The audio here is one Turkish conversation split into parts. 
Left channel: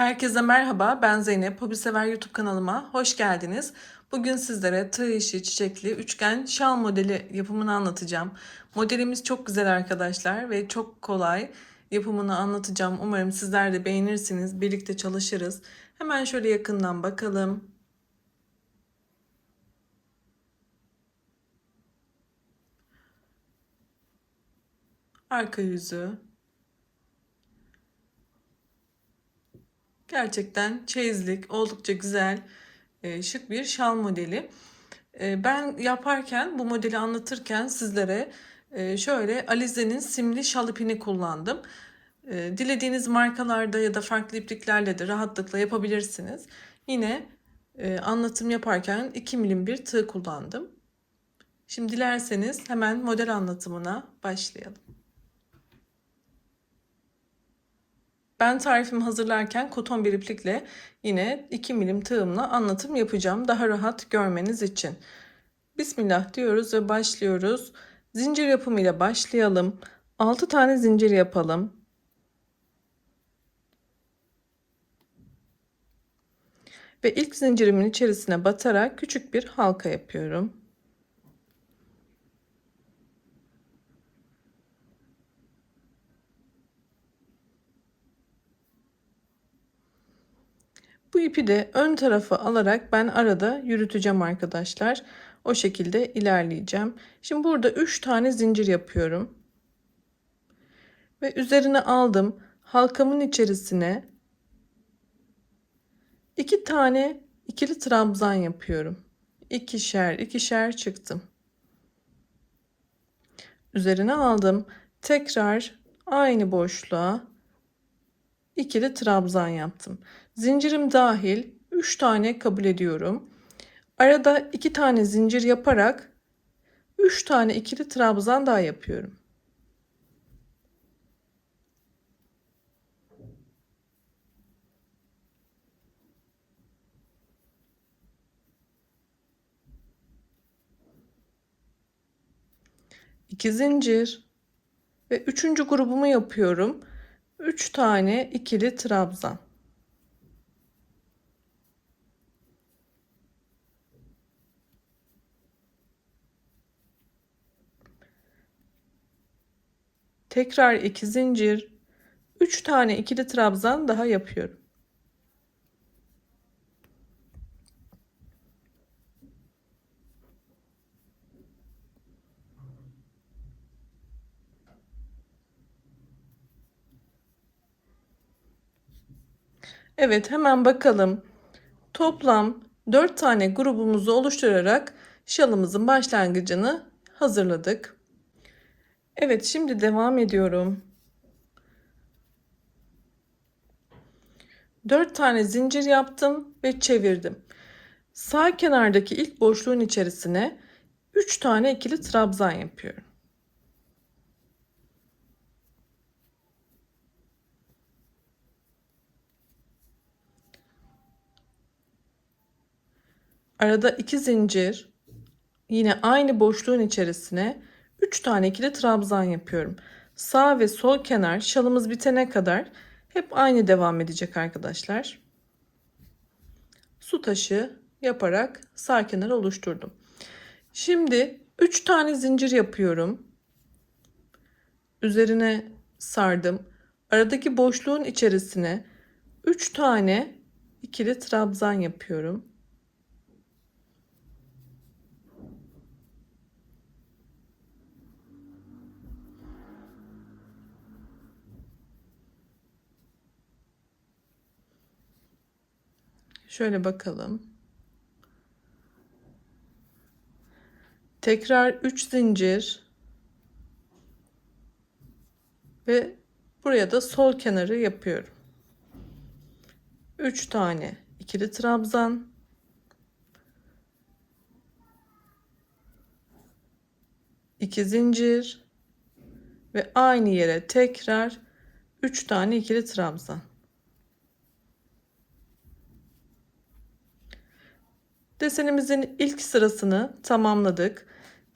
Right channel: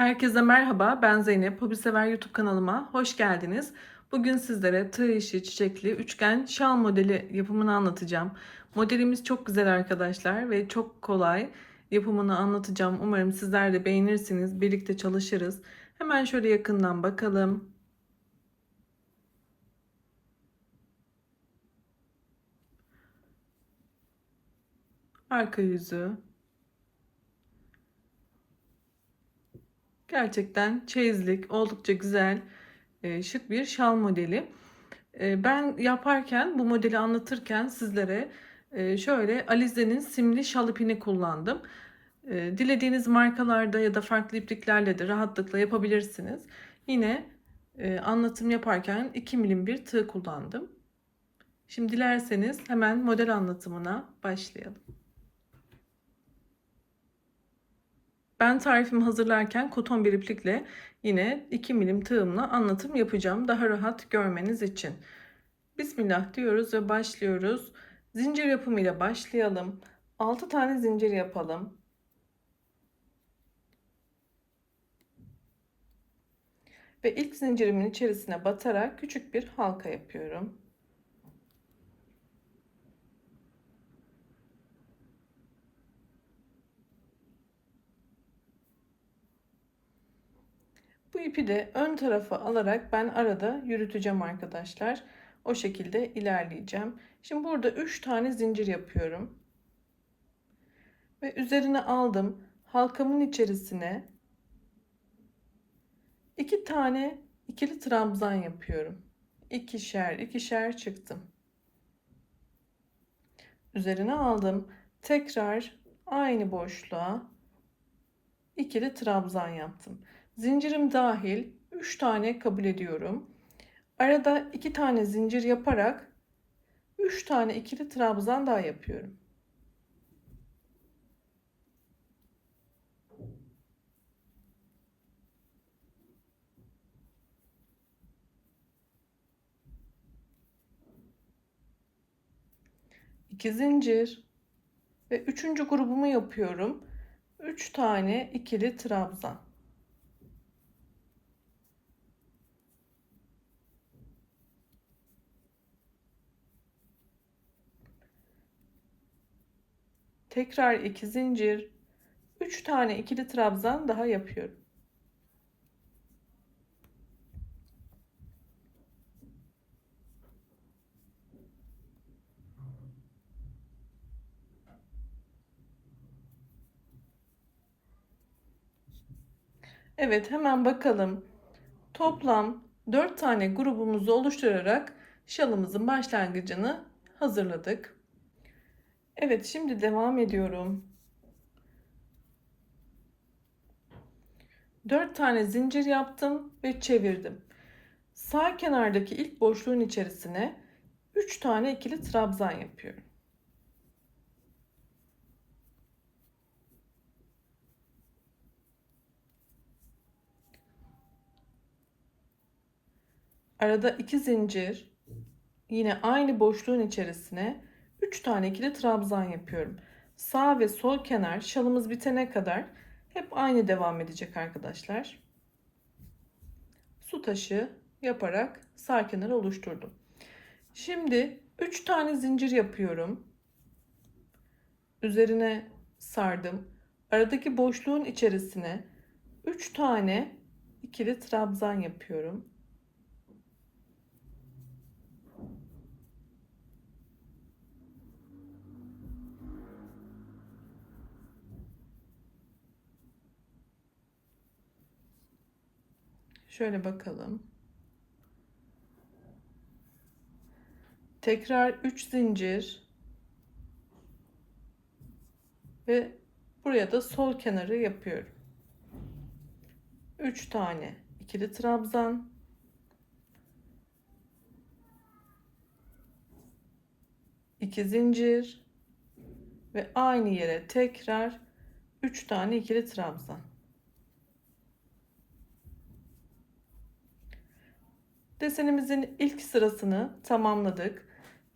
Herkese merhaba, ben Zeynep. Hobi Sever YouTube kanalıma hoş geldiniz. Bugün sizlere tığ işi çiçekli üçgen şal modeli yapımını anlatacağım. Modelimiz çok güzel arkadaşlar ve çok kolay. Yapımını anlatacağım. Umarım sizler de beğenirsiniz. Birlikte çalışırız. Hemen şöyle yakından bakalım. Arka yüzü. Gerçekten çeyizlik, oldukça güzel, şık bir şal modeli. Ben yaparken, bu modeli anlatırken sizlere şöyle Alize'nin simli şal ipini kullandım. Dilediğiniz markalarda ya da farklı ipliklerle de rahatlıkla yapabilirsiniz. Yine anlatım yaparken 2 milim bir tığ kullandım. Şimdi dilerseniz hemen model anlatımına başlayalım. Ben tarifimi hazırlarken koton bir iplikle yine 2 milim tığımla anlatım yapacağım. Daha rahat görmeniz için. Bismillah diyoruz ve başlıyoruz. Zincir yapımıyla başlayalım. 6 tane zincir yapalım. Ve ilk zincirimin içerisine batarak küçük bir halka yapıyorum. Bu ipi de ön tarafa alarak ben arada yürüteceğim arkadaşlar. O şekilde ilerleyeceğim. Şimdi burada 3 tane zincir yapıyorum. Ve üzerine aldım. Halkamın içerisine 2 tane ikili trabzan yapıyorum. İkişer ikişer çıktım. Üzerine aldım. Tekrar aynı boşluğa ikili trabzan yaptım. Zincirim dahil 3 tane kabul ediyorum. Arada 2 tane zincir yaparak 3 tane ikili trabzan daha yapıyorum. İki zincir ve üçüncü grubumu yapıyorum. 3 tane ikili trabzan. Tekrar 2 zincir, 3 tane ikili trabzan daha yapıyorum. Evet, hemen bakalım. Toplam 4 tane grubumuzu oluşturarak şalımızın başlangıcını hazırladık. Evet, şimdi devam ediyorum. 4 tane zincir yaptım ve çevirdim. Sağ kenardaki ilk boşluğun içerisine 3 tane ikili trabzan yapıyorum. Arada 2 zincir, yine aynı boşluğun içerisine 3 tane ikili trabzan yapıyorum. Sağ ve sol kenar şalımız bitene kadar hep aynı devam edecek arkadaşlar. Su taşı yaparak sağ kenarı oluşturdum. Şimdi 3 tane zincir yapıyorum. Üzerine sardım. Aradaki boşluğun içerisine 3 tane ikili trabzan yapıyorum. Şöyle bakalım. Tekrar 3 zincir ve buraya da sol kenarı yapıyorum. 3 tane ikili trabzan, 2 zincir ve aynı yere tekrar 3 tane ikili trabzan. Desenimizin ilk sırasını tamamladık.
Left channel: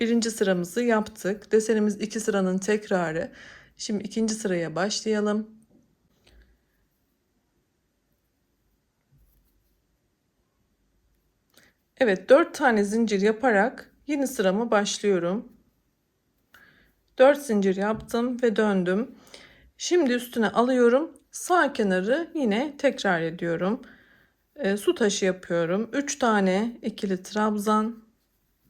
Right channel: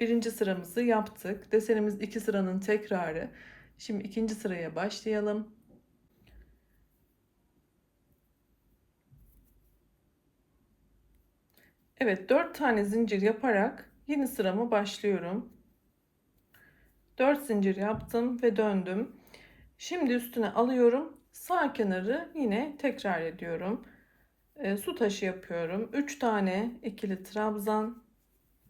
Birinci sıramızı yaptık. Desenimiz 2 sıranın tekrarı. Şimdi ikinci sıraya başlayalım. Evet, 4 tane zincir yaparak yeni sıramı başlıyorum. 4 zincir yaptım ve döndüm. Şimdi üstüne alıyorum. Sağ kenarı yine tekrar ediyorum. Su taşı yapıyorum. 3 tane ikili trabzan,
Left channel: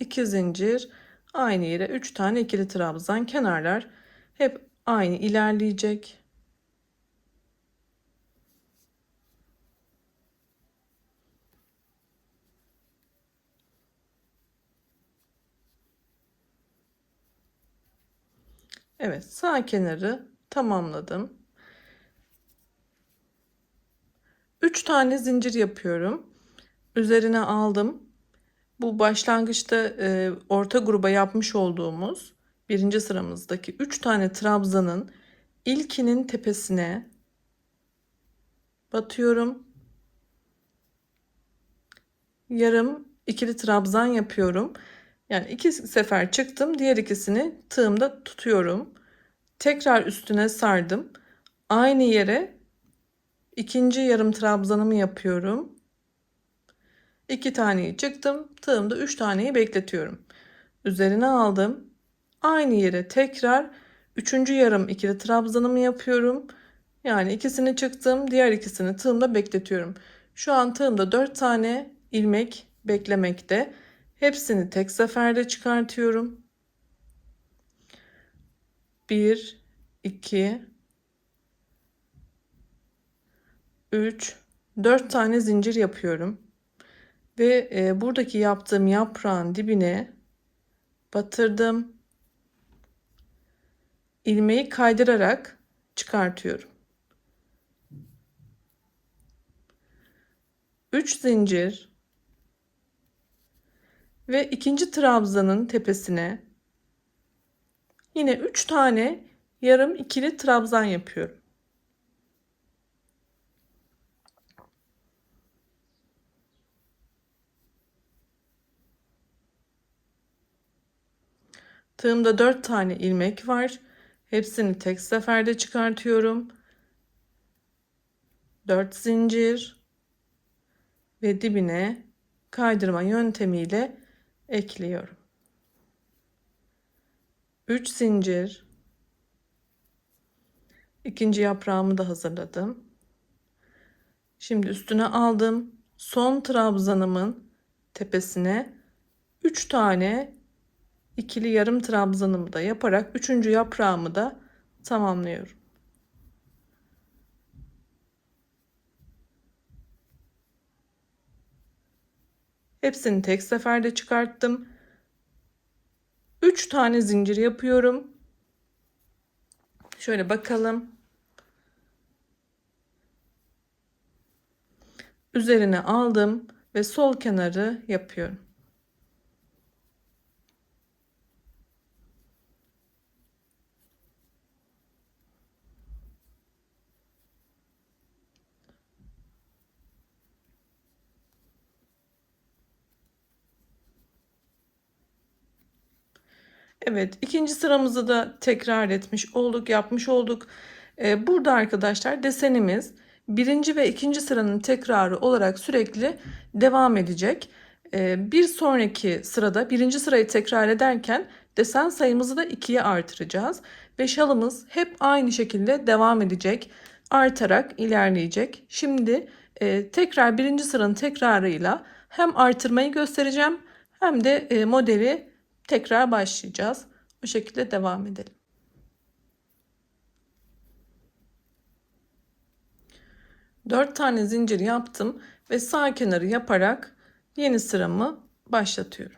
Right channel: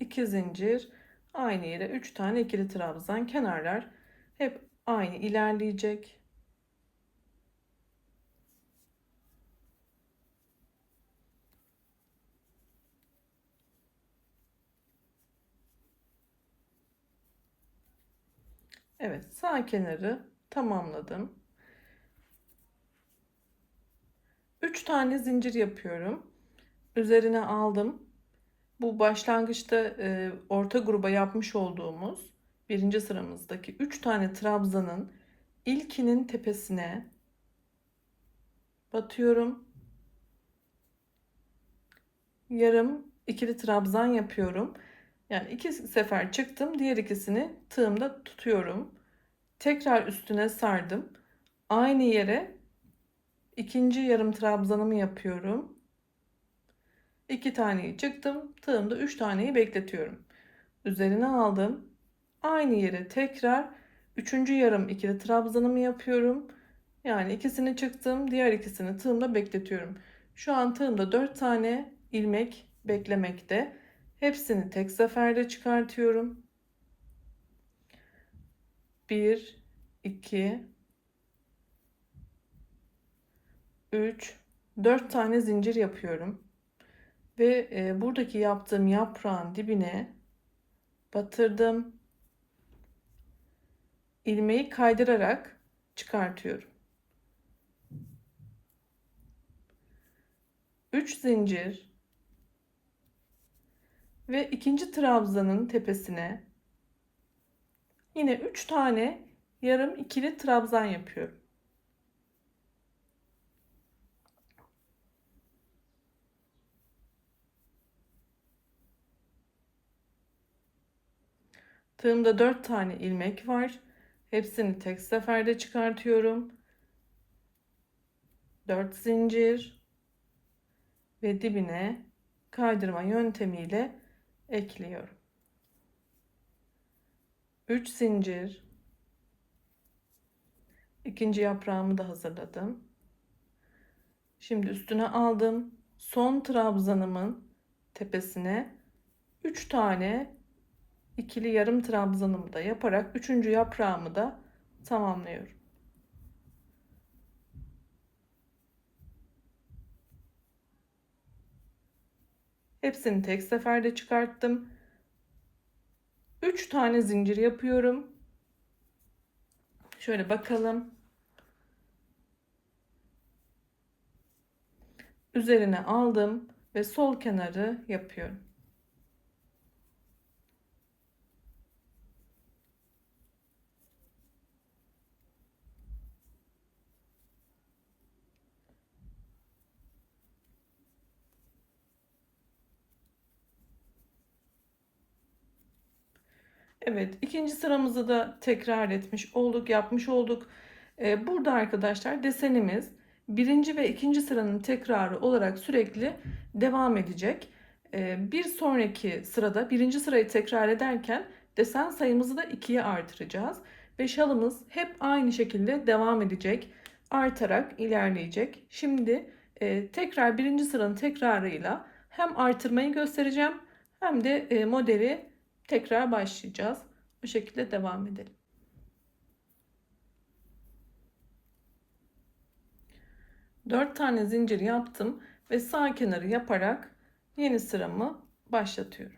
2 zincir, aynı yere 3 tane ikili trabzan, kenarlar hep aynı ilerleyecek. Evet, sağ kenarı tamamladım. 3 tane zincir yapıyorum. Üzerine aldım. Bu başlangıçta orta gruba yapmış olduğumuz birinci sıramızdaki 3 tane trabzanın ilkinin tepesine batıyorum. Yarım ikili trabzan yapıyorum. Yani 2 sefer çıktım. Diğer ikisini tığımda tutuyorum. Tekrar üstüne sardım. Aynı yere ikinci yarım trabzanımı yapıyorum. 2 taneyi çıktım. Tığımda 3 taneyi bekletiyorum. Üzerine aldım. Aynı yere tekrar üçüncü yarım ikili trabzanımı yapıyorum. Yani ikisini çıktım. Diğer ikisini tığımda bekletiyorum. Şu an tığımda 4 tane ilmek beklemekte. Hepsini tek seferde çıkartıyorum. 1, 2, 3, 4 tane zincir yapıyorum. Ve buradaki yaptığım yaprağın dibine batırdım. İlmeği kaydırarak çıkartıyorum. 3 zincir ve ikinci trabzanın tepesine yine 3 tane yarım ikili trabzan yapıyorum. Tığımda 4 tane ilmek var. Hepsini tek seferde çıkartıyorum. 4 zincir ve dibine kaydırma yöntemiyle ekliyorum. 3 zincir. İkinci yaprağımı da hazırladım. Şimdi üstüne aldım. Son trabzanımın tepesine 3 tane ikili yarım trabzanımı da yaparak üçüncü yaprağımı da tamamlıyorum. Hepsini tek seferde çıkarttım. 3 tane zincir yapıyorum. Şöyle bakalım. Üzerine aldım ve sol kenarı yapıyorum. Evet, ikinci sıramızı da tekrar etmiş olduk, yapmış olduk. Burada arkadaşlar desenimiz birinci ve ikinci sıranın tekrarı olarak sürekli devam edecek. Bir sonraki sırada birinci sırayı tekrar ederken desen sayımızı da 2'ye artıracağız. Ve şalımız hep aynı şekilde devam edecek, artarak ilerleyecek. Şimdi tekrar birinci sıranın tekrarıyla hem artırmayı göstereceğim hem de modeli tekrar başlayacağız. Bu şekilde devam edelim. 4 tane zincir yaptım ve sağ kenarı yaparak yeni sıramı başlatıyorum.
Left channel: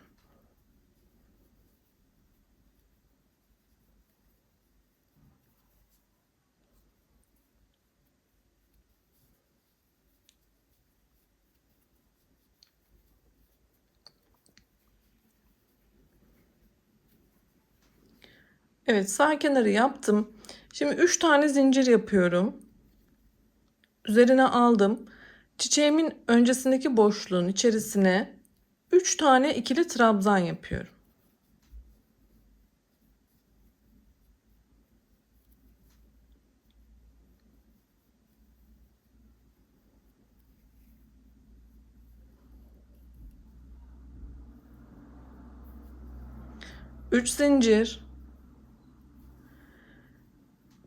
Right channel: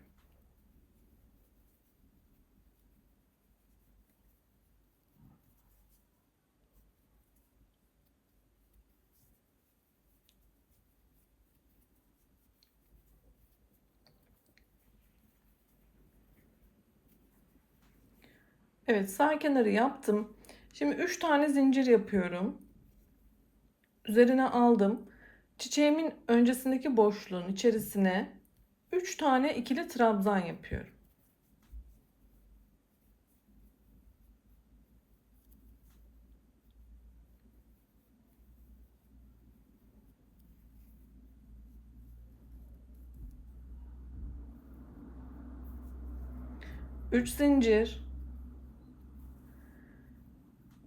Evet, sağ kenarı yaptım. Şimdi 3 tane zincir yapıyorum. Üzerine aldım. Çiçeğimin öncesindeki boşluğun içerisine 3 tane ikili trabzan yapıyorum. 3 zincir,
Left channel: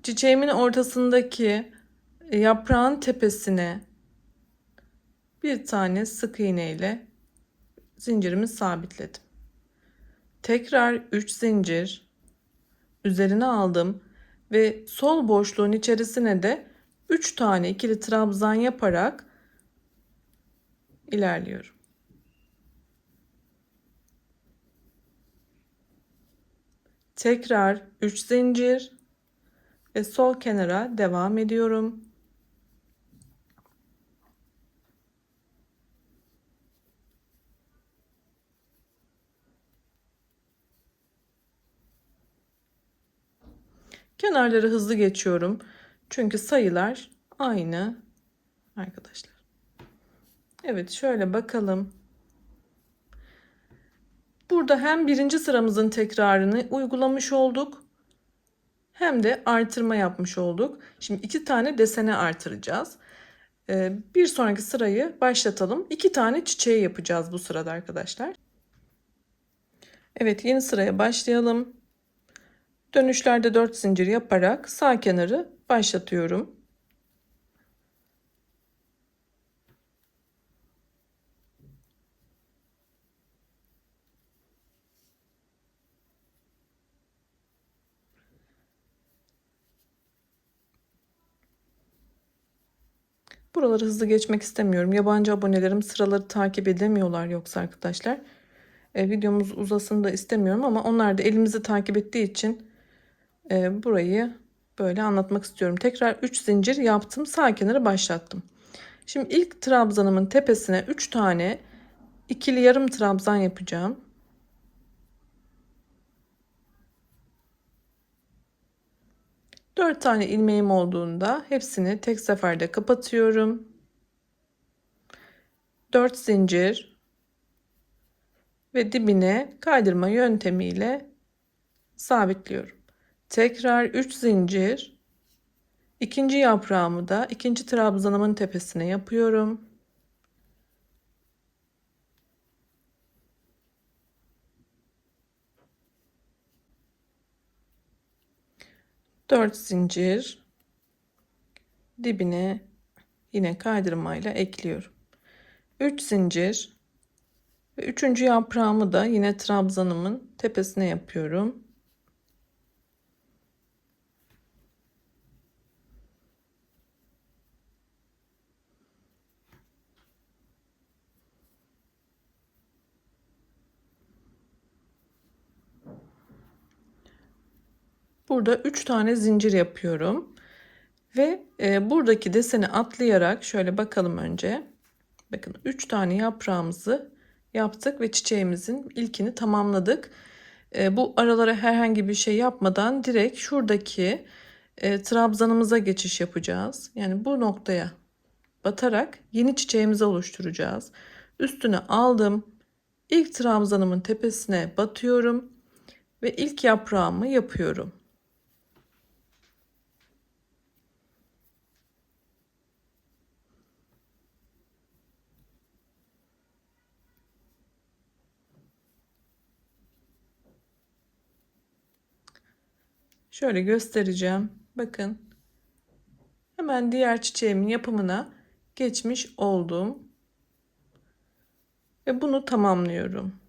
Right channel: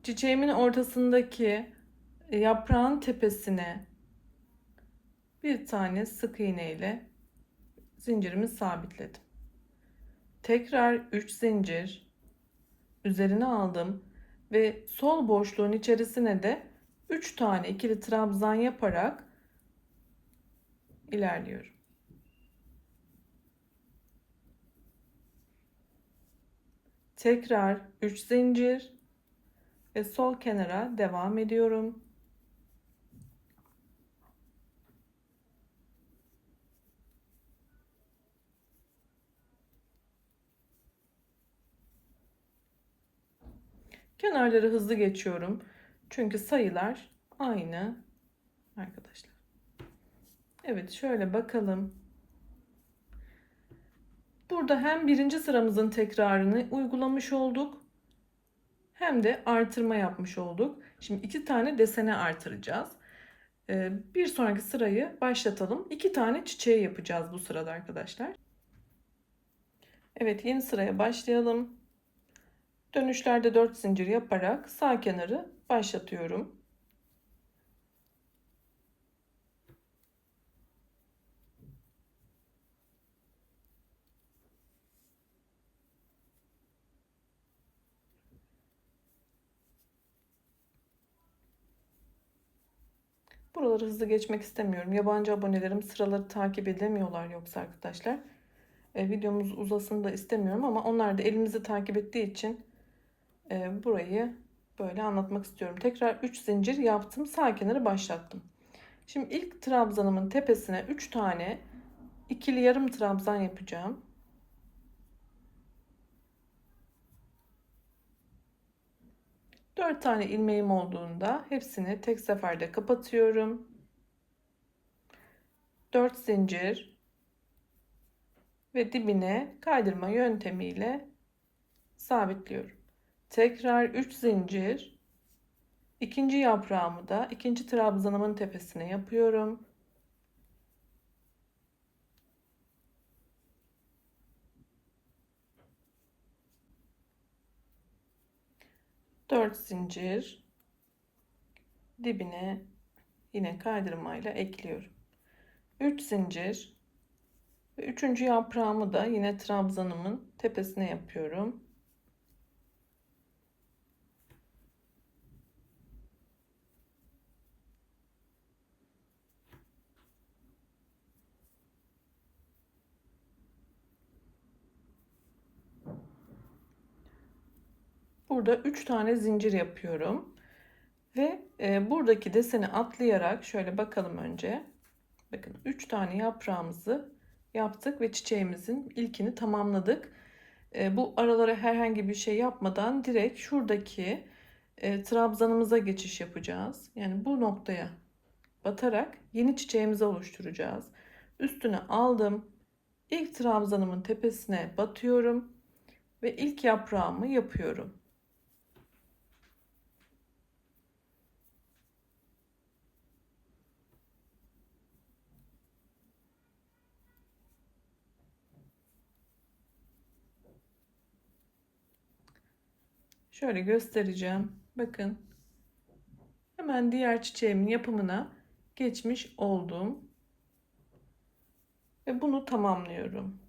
çiçeğimin ortasındaki yaprağın tepesine bir tane sık iğne ile zincirimi sabitledim. Tekrar 3 zincir üzerine aldım ve sol boşluğun içerisine de 3 tane ikili trabzan yaparak ilerliyorum. Tekrar 3 zincir ve sol kenara devam ediyorum. Kenarları hızlı geçiyorum. Çünkü sayılar aynı arkadaşlar. Evet, şöyle bakalım. Burada hem birinci sıramızın tekrarını uygulamış olduk, hem de artırma yapmış olduk. Şimdi 2 tane desene artıracağız. Bir sonraki sırayı başlatalım. 2 tane çiçeği yapacağız bu sırada arkadaşlar. Evet, yeni sıraya başlayalım. Dönüşlerde 4 zincir yaparak sağ kenarı başlatıyorum. Buraları hızlı geçmek istemiyorum. Yabancı abonelerim sıraları takip edemiyorlar yoksa arkadaşlar. Videomuz uzasın da istemiyorum ama onlar da elimizi takip ettiği için burayı böyle anlatmak istiyorum. Tekrar 3 zincir yaptım. Sağ kenarı başlattım. Şimdi ilk trabzanımın tepesine 3 tane ikili yarım trabzan yapacağım. Dört tane ilmeğim olduğunda hepsini tek seferde kapatıyorum. 4 zincir ve dibine kaydırma yöntemiyle sabitliyorum. Tekrar 3 zincir. İkinci yaprağımı da ikinci trabzanımın tepesine yapıyorum. Dört zincir, dibine yine kaydırmayla ekliyorum. 3 zincir ve üçüncü yaprağımı da yine trabzanımın tepesine yapıyorum. Burada 3 tane zincir yapıyorum ve buradaki deseni atlayarak şöyle bakalım önce. Bakın 3 tane yaprağımızı yaptık ve çiçeğimizin ilkini tamamladık. Bu aralara herhangi bir şey yapmadan direkt şuradaki trabzanımıza geçiş yapacağız. Yani bu noktaya batarak yeni çiçeğimizi oluşturacağız. Üstüne aldım. İlk trabzanımın tepesine batıyorum ve ilk yaprağımı yapıyorum. Şöyle göstereceğim. Bakın. Hemen diğer çiçeğimin yapımına geçmiş oldum. Ve bunu tamamlıyorum.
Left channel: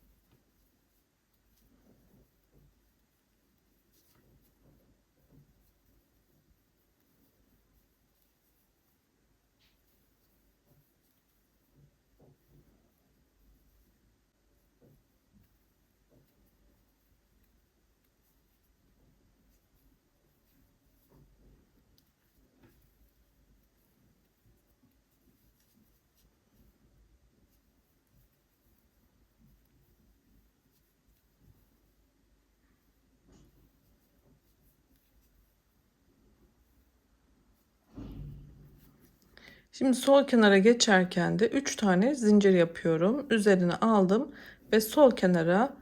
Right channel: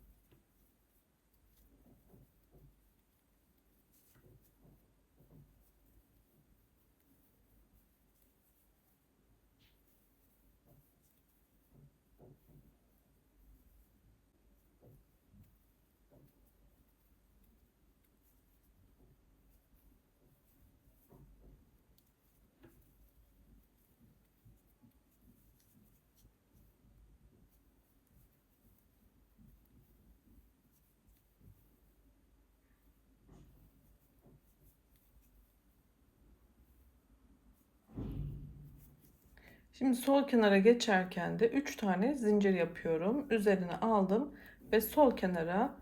Şimdi sol kenara geçerken de 3 tane zincir yapıyorum. Üzerine aldım ve sol kenara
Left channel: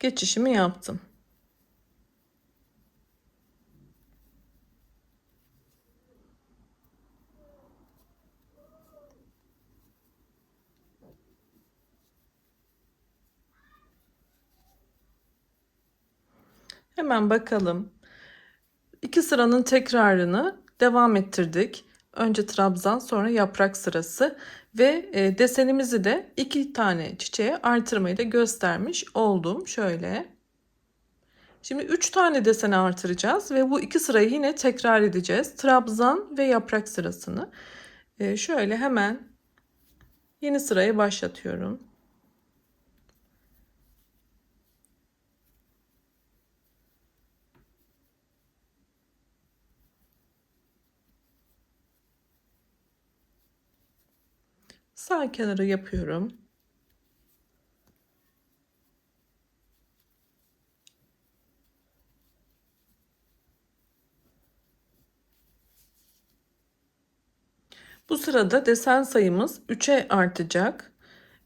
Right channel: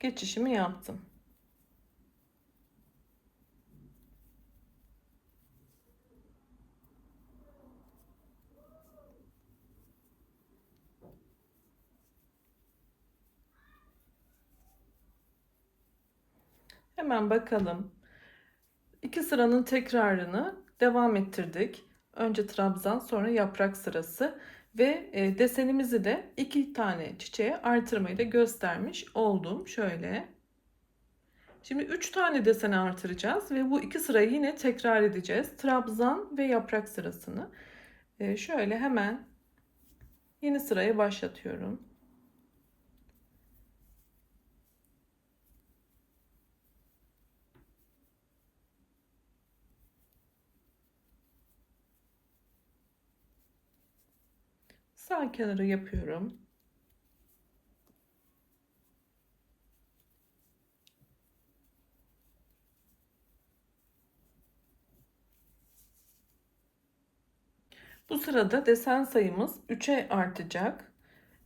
geçişimi yaptım. Hemen bakalım. 2 sıranın tekrarını devam ettirdik. Önce trabzan, sonra yaprak sırası ve desenimizi de 2 tane çiçeğe artırmayı da göstermiş oldum. Şöyle. Şimdi 3 tane deseni artıracağız ve bu 2 sırayı yine tekrar edeceğiz. Trabzan ve yaprak sırasını. Şöyle hemen yeni sıraya başlatıyorum. Sağ kenarı yapıyorum. Bu sırada desen sayımız 3'e artacak.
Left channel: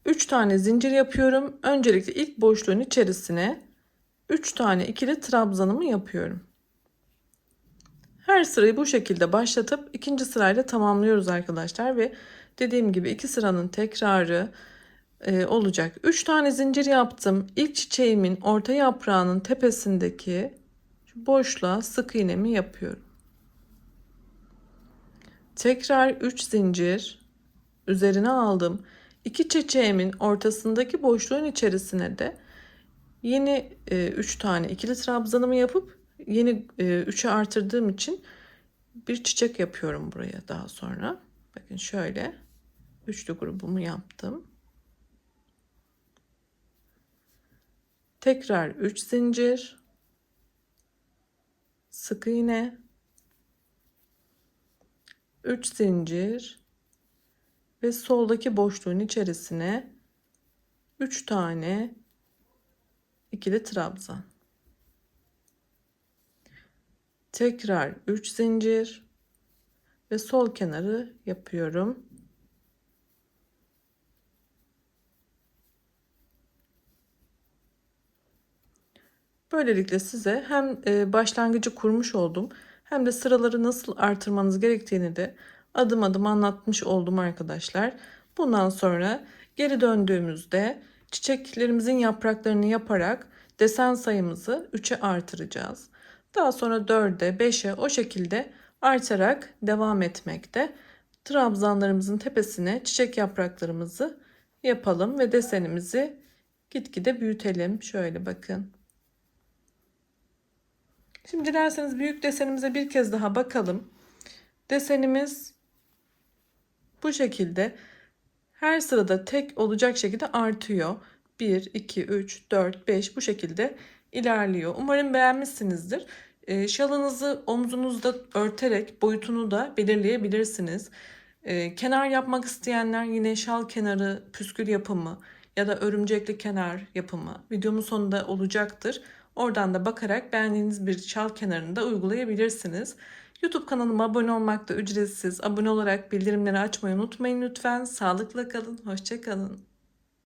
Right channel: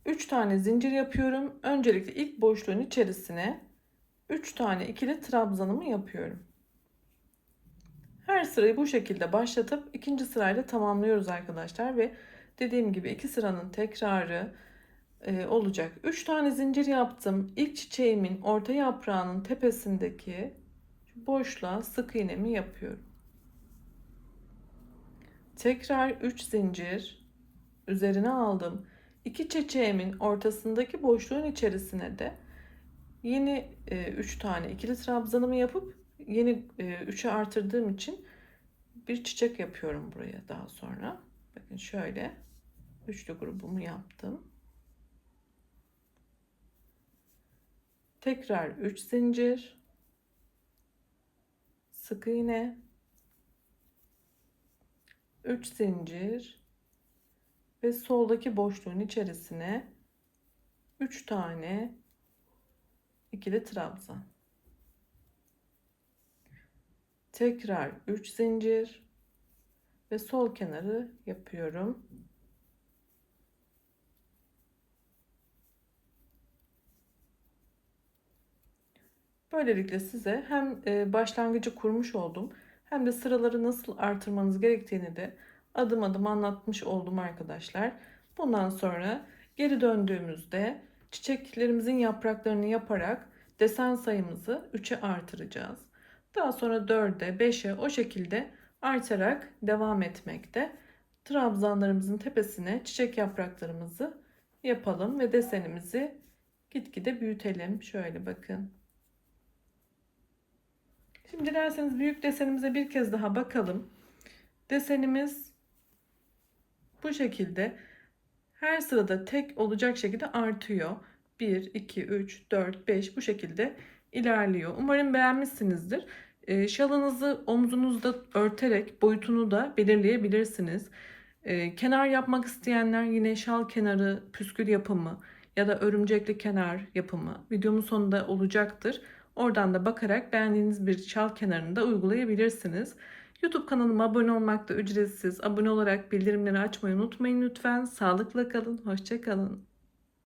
3 tane zincir yapıyorum. Öncelikle ilk boşluğun içerisine 3 tane ikili trabzanımı yapıyorum. Her sırayı bu şekilde başlatıp ikinci sırayla tamamlıyoruz arkadaşlar ve dediğim gibi 2 sıranın tekrarı olacak. 3 tane zincir yaptım. İlk çiçeğimin orta yaprağının tepesindeki şu boşluğa sık iğnemi yapıyorum. Tekrar 3 zincir üzerine aldım. İki çiçeğimin ortasındaki boşluğun içerisine de yeni 3 tane ikili trabzanımı yapıp yeni 3'e artırdığım için bir çiçek yapıyorum buraya daha sonra. Bakın şöyle üçlü grubumu yaptım. Tekrar 3 zincir, sık iğne, 3 zincir ve soldaki boşluğun içerisine 3 tane ikili trabzan. Tekrar 3 zincir ve sol kenarı yapıyorum. Böylelikle size hem başlangıcı kurmuş oldum hem de sıraları nasıl artırmanız gerektiğini de adım adım anlatmış oldum arkadaşlar. Bundan sonra geri döndüğümüzde çiçeklerimizin yapraklarını yaparak desen sayımızı 3'e artıracağız. Daha sonra 4'e 5'e o şekilde artarak devam etmekte. Trabzanlarımızın tepesine çiçek yapraklarımızı yapalım ve desenimizi gitgide büyütelim. Şöyle bakın. Şimdi dilerseniz büyük desenimize bir kez daha bakalım. Desenimiz bu şekilde her sırada tek olacak şekilde artıyor. 1, 2, 3, 4, 5 bu şekilde ilerliyor. Umarım beğenmişsinizdir. Şalınızı omzunuzda örterek boyutunu da belirleyebilirsiniz. Kenar yapmak isteyenler yine şal kenarı püskül yapımı ya da örümcekli kenar yapımı videomun sonunda olacaktır. Oradan da bakarak beğendiğiniz bir şal kenarını da uygulayabilirsiniz. YouTube kanalıma abone olmak da ücretsiz. Abone olarak bildirimleri açmayı unutmayın lütfen. Sağlıkla kalın, hoşça kalın.